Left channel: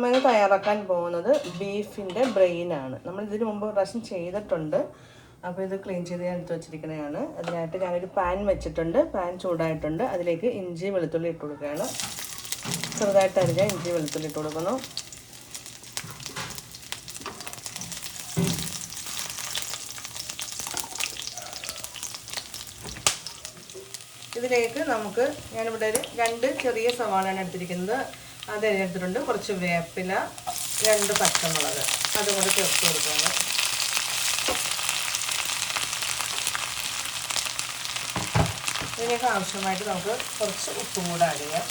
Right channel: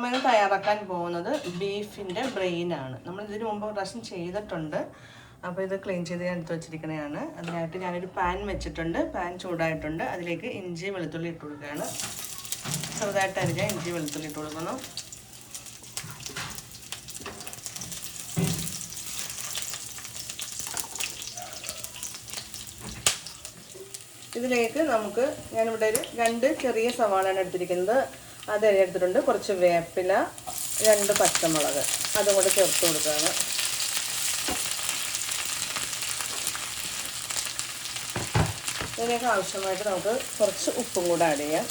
നമ്മൾ തയ്യാറാക്കാൻ പോകുന്നത് ബീഫിൻ്റെ ബ്രെയിനാണ്. നമ്മൾ ഇതിന് മുമ്പ് പ്രാവശ്യം ചെയ്തിട്ടുണ്ട്. അപ്പോൾ ഇത് ക്ലീൻ ചെയ്ത് ഞാൻ എടുത്ത് വെച്ചിരിക്കുന്നതാണ്. അതിനായിട്ട് ഞാനൊരു പാൻ വെച്ചിട്ടുണ്ട്. പാൻ ചൂടായിട്ടുണ്ട്. അതിലേക്ക് ഇഞ്ചി വെളുത്തുള്ളി ഇട്ട് കൊടുക്കുകയാണ്. ചെറുതായിട്ട് അരിഞ്ഞ ഇഞ്ചി വെളുത്തുള്ളി ഇട്ട് കൊടുക്കണം. ഇതിലേക്ക് നമുക്ക് ഞാനിവിടെ ഒരു 2 ചെറിയ സവാളയാണ് എടുത്തിരിക്കുന്നത്. അത് എടുത്തിട്ടുണ്ട്. കുറച്ച് വേപ്പില, 2 പച്ചമുളക് അതും കൂടെ ചേർത്ത് കൊടുക്കുകയാണ്. ഇതിലേക്ക് ആവശ്യമായിട്ട് നമുക്ക് കുറച്ച് ഉപ്പും കൂടെ ആഡ് ചെയ്യാം.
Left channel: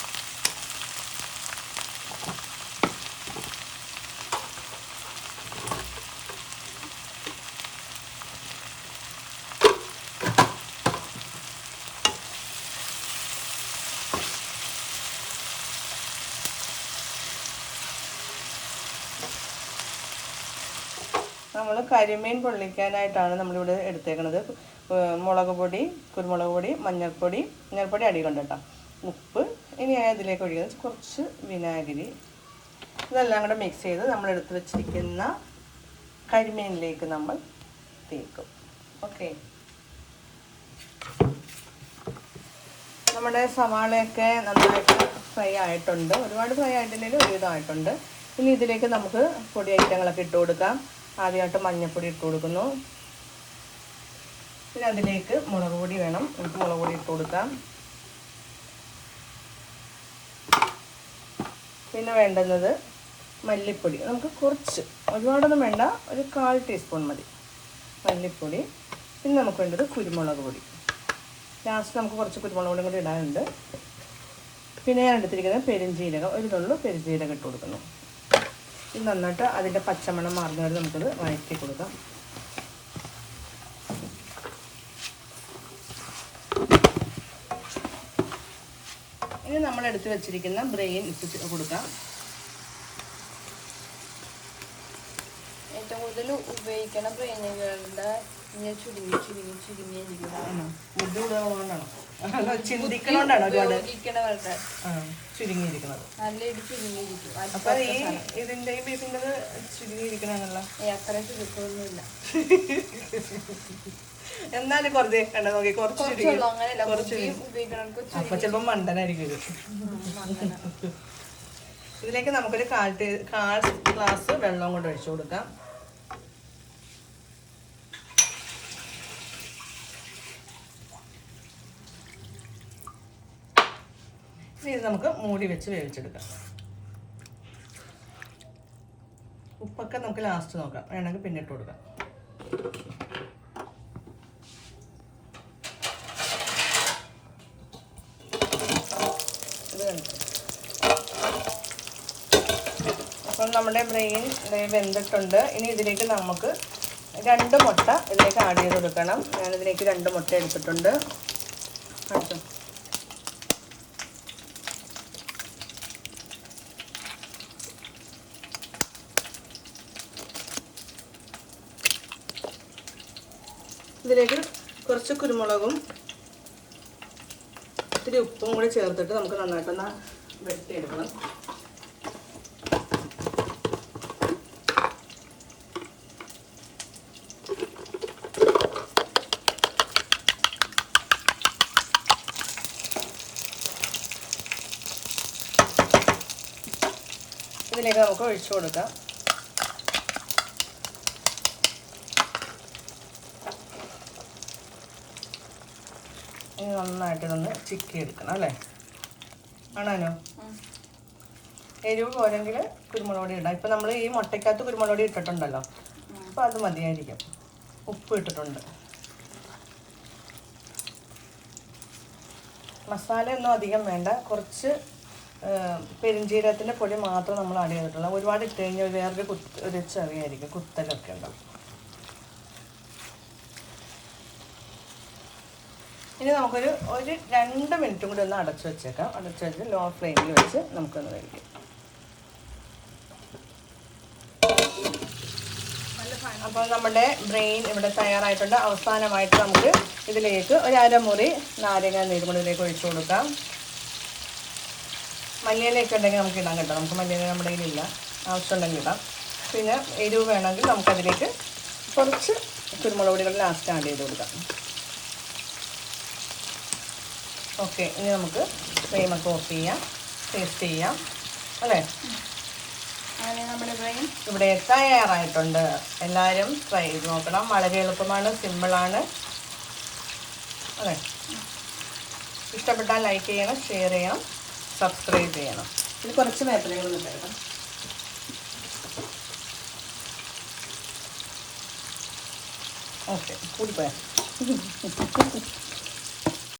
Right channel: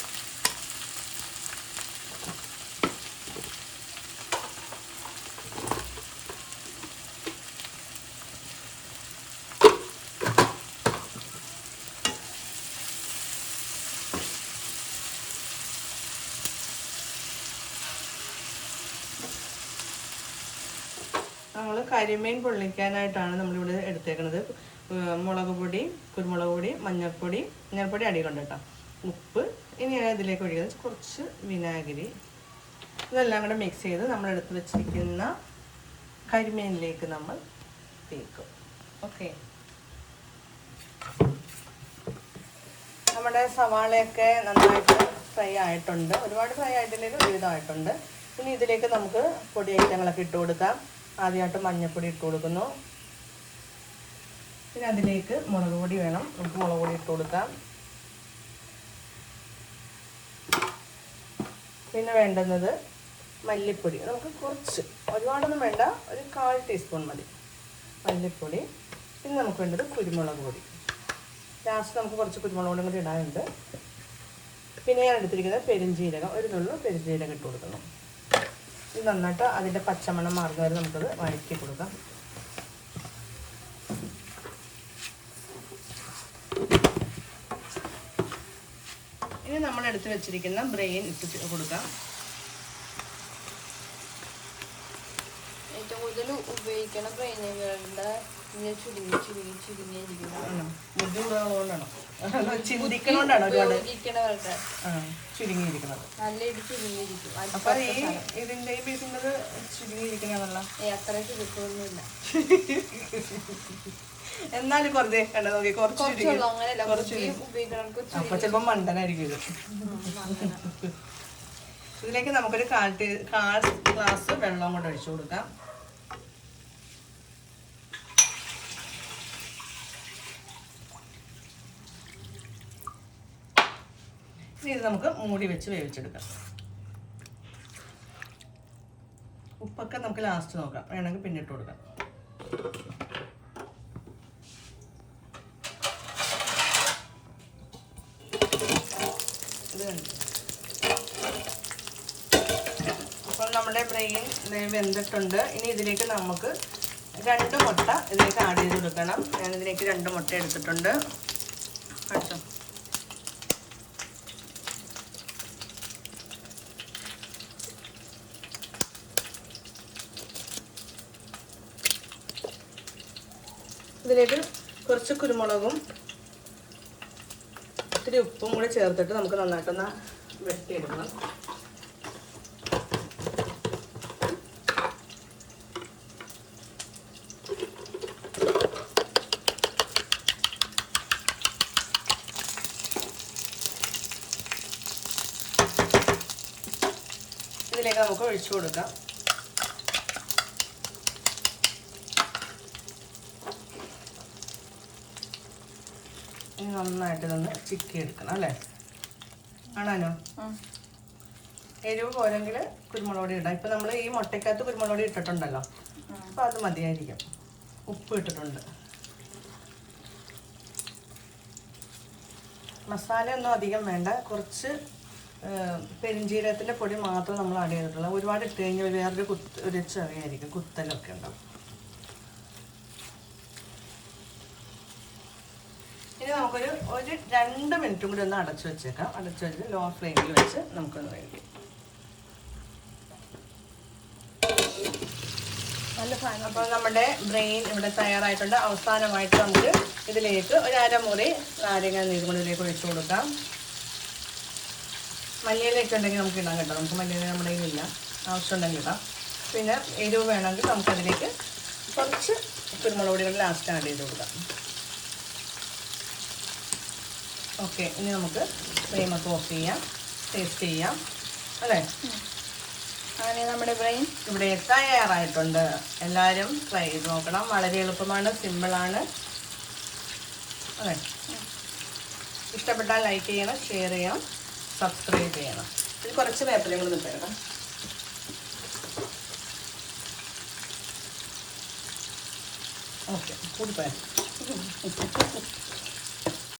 നമ്മൾ കരിമീൻ പൊള്ളിക്കാനായിട്ടാണ് നമ്മളിവിടെ എടുത്തേക്കുന്നത്. മുളക് പൊടി, കുരുമുളക് പൊടി, മഞ്ഞൾപ്പൊടി അടിയിലുണ്ട് കേട്ടോ. ഉപ്പ്. ഇനി ഞാൻ ഇതിലേക്ക് ഒഴിക്കുന്നത് കുറച്ച് വിനാഗിരി. ഇതെല്ലാം കൂടെ മിക്സ് ചെയ്ത് നമ്മൾ എടുത്ത് വെച്ചിരിക്കുന്ന കരിമീനിലേക്ക് നമ്മൾ തേക്കും. ഓക്കെ, നമ്മുടെ സവാളയൊക്കെ നന്നായിട്ട് ഫ്രൈ ആയിട്ടുണ്ട്. ഒരുപാട് ഫ്രൈ ആയിട്ടില്ലെങ്കിൽ ഒരുവിധമായിട്ടുണ്ട്. ഇനി ഇതിലേക്ക് നമുക്ക് പൊടി ഐറ്റങ്ങളൊക്കെ ഇട്ട് കൊടുക്കാം. ആദ്യമായിട്ട് മഞ്ഞൾപ്പൊടി ഇട്ട് കൊടുക്കുന്നു. പിന്നെ അതിലേക്ക് മുളക് പൊടി വേണം. നമുക്ക് മുളക് പൊടി ഇട്ട് കൊടുക്കാം. പിന്നെ വേണ്ടുന്നത് മല്ലിപ്പൊടി. നമുക്ക് കുറച്ച്, ഒരുപാടൊന്നും വേണ്ട, ഒരു 1/4 ടീസ്പൂൺ മതി മല്ലിപ്പൊടി. പിന്നെ നമുക്ക് വേണ്ടത് കുരുമുളക് പൊടി. ലാസ്റ്റ് നമുക്ക് കുറച്ച് കുരുമുളക് പൊടി കൂടി ഇടാനുണ്ട്. പിന്നെ ഞാൻ എടുത്തിരിക്കുന്നത് പെരുംജീരകം, ഒരു നുള്ളു പെരുംജീരകം ഇട്ട് കൊടുക്കുന്നു. ഇത് നന്നായിട്ട് അതിൻ്റെ പച്ചമണം മാറുന്ന വരെ നമുക്കത് വഴറ്റി കൊടുക്കാം. ഇനി നമ്മൾ എടുത്ത് വെച്ചിരിക്കുന്ന ബ്രെയിൻ ഇട്ട് കൊടുക്കാം. ഏറ്റവും കൂടുതൽ ഉപയോഗിക്കുന്ന ബ്രെയിനുകളുടെ ചുരുങ്ങിയിരിക്കുന്നതാണോ, ചിന്തിക്കണോണ്ടാണോ ചുരുങ്ങിയിരിക്കുന്നത്? അപ്പൊ ഇതിന്റെ ബീഫിൻ്റെ ചുരുങ്ങിയിരിക്കണമെന്നുള്ള അത്ര ചുരുക്കമൊന്നുമില്ല. എന്നാലും കുറച്ച് കണ്ട നോക്കി, കുറച്ച് അപ്പൊ ചിലപ്പോ മണ്ടനായിരിക്കും ഇത്. ഇതിലേക്ക് നമുക്കൊരു 1/4 ഗ്ലാസ് വെള്ളം കൊണ്ട് ഒഴിച്ചു കൊടുക്കാം. ഇനി ഇത് നമുക്ക് മൂടി വെച്ച് വേവിച്ചെടുക്കാം. ഉപ്പൊക്കെ നമുക്ക് ലാസ്റ്റ് നോക്കാം, വേണമെങ്കിൽ പിന്നെ ഇട്ട് കൊടുക്കാം. അപ്പം നമ്മുടെ ബ്രെയിൻ വെന്തിട്ടുണ്ട്. ഇനി ഇതിലേക്ക് നമുക്ക് 2 മുട്ട ഇതിലേക്ക് ആഡ് ചെയ്ത് കൊടുക്കണം. ഞാനിതിലേക്ക് 2 മുട്ട എടുത്തിട്ടുണ്ട്. അടിച്ചോ. ഇതിലേക്ക് കുറച്ച് കുരുമുളകും ഇത്തിരി ഉപ്പും കൂടി ചേർത്തിട്ട് നമുക്ക് നന്നായിട്ടൊന്ന് വെട്ടിയെടുക്കണം. ഇതിലേക്ക് നമുക്ക് ഒഴിച്ചു കൊടുക്കാം. ഇനി നന്നായിട്ട് ഇതൊന്ന് ചിക്കി എടുക്കണം അല്ലേ? ആണോ? എരിവ് പോരെങ്കിൽ കുരുമുളക് പൊടി ഇടാം. ഇപ്പം നമ്മൾ ഈ മുട്ടയ്ക്കകത്ത് കുരുമുളക് പൊടി ഇട്ടിട്ടുണ്ടല്ലോ, അപ്പോൾ അത് മതിയായിരിക്കും. ഉപ്പ് ഇട്ടിട്ടുണ്ട്. മസാലയൊന്നും അധികം വേണ്ട. കുറച്ച് പെരുംജീരകത്തിൻ്റെ പൊടി മാത്രം നമ്മൾ ആഡ് ചെയ്തിട്ടുള്ള. ഒരുപാട് ഇട്ട് കഴിഞ്ഞാൽ ഒരു ചെറിയായിരിക്കും, കുത്തലൊക്കെ ഉണ്ടാവും. ഇനി നമുക്കൊരു 2 മിനിറ്റും കൂടി ഒന്ന് അടച്ചു വെച്ചേക്കാം. അടച്ചു വെച്ച് ലോ ഫ്ലെയിമിൽ വെച്ച് നമുക്കൊന്ന് വേവിക്കാം. അപ്പോൾ നമ്മുടെ ബ്രെയിൻ ഇവിടെ തയ്യാറായിട്ടുണ്ട്. അവസാനമായിട്ട് നമുക്ക് ഇതിലേക്ക് 1/2 മുറി നാരങ്ങ നീരും കൂടി ഇതിലേക്ക് ഒഴിച്ചു കൊടുക്കാം. മല്ലിയിലയൊക്കെ ഉണ്ടെങ്കിൽ നമുക്ക് ഇടാൻ കേട്ടോ. നമുക്ക് മല്ലിയില നമ്മുടെ കയ്യിലില്ല. ആവശ്യമുണ്ടെങ്കിൽ ഇടാം. പിന്നെ എരിവ് വേണമെങ്കിൽ നമുക്കതിലേക്ക് കുറച്ച് കുരുമുളക് പൊടികൾ ലാസ്റ്റ് ആഡ് ചെയ്ത് കൊടുക്കാം. ഓക്കെ, ഇനി നമുക്ക് ഫ്ലെയിമൊക്കെ ഓഫ് ചെയ്യാം, ടേസ്റ്റ് ചെയ്യാം അല്ലേ. അങ്ങനെ നമ്മുടെ ബ്രെയിൻ ഇവിടെ തയ്യാറായിട്ടുണ്ട്. എല്ലാവരും ട്രൈ ചെയ്ത് നോക്കണം. വളരെ എളുപ്പമാണ്, സിമ്പിളാണ് അതെ. ഇഷ്ടപ്പെട്ടാൽ ലൈക്ക് ചെയ്യണം, ഷെയർ ചെയ്യണം, സബ്സ്ക്രൈബ് ചെയ്യണം. ഇത് കുറച്ച് വേപ്പിലകൾ ഇട്ടേക്കണം. ഓക്കെ, കൂടിപ്പോയാ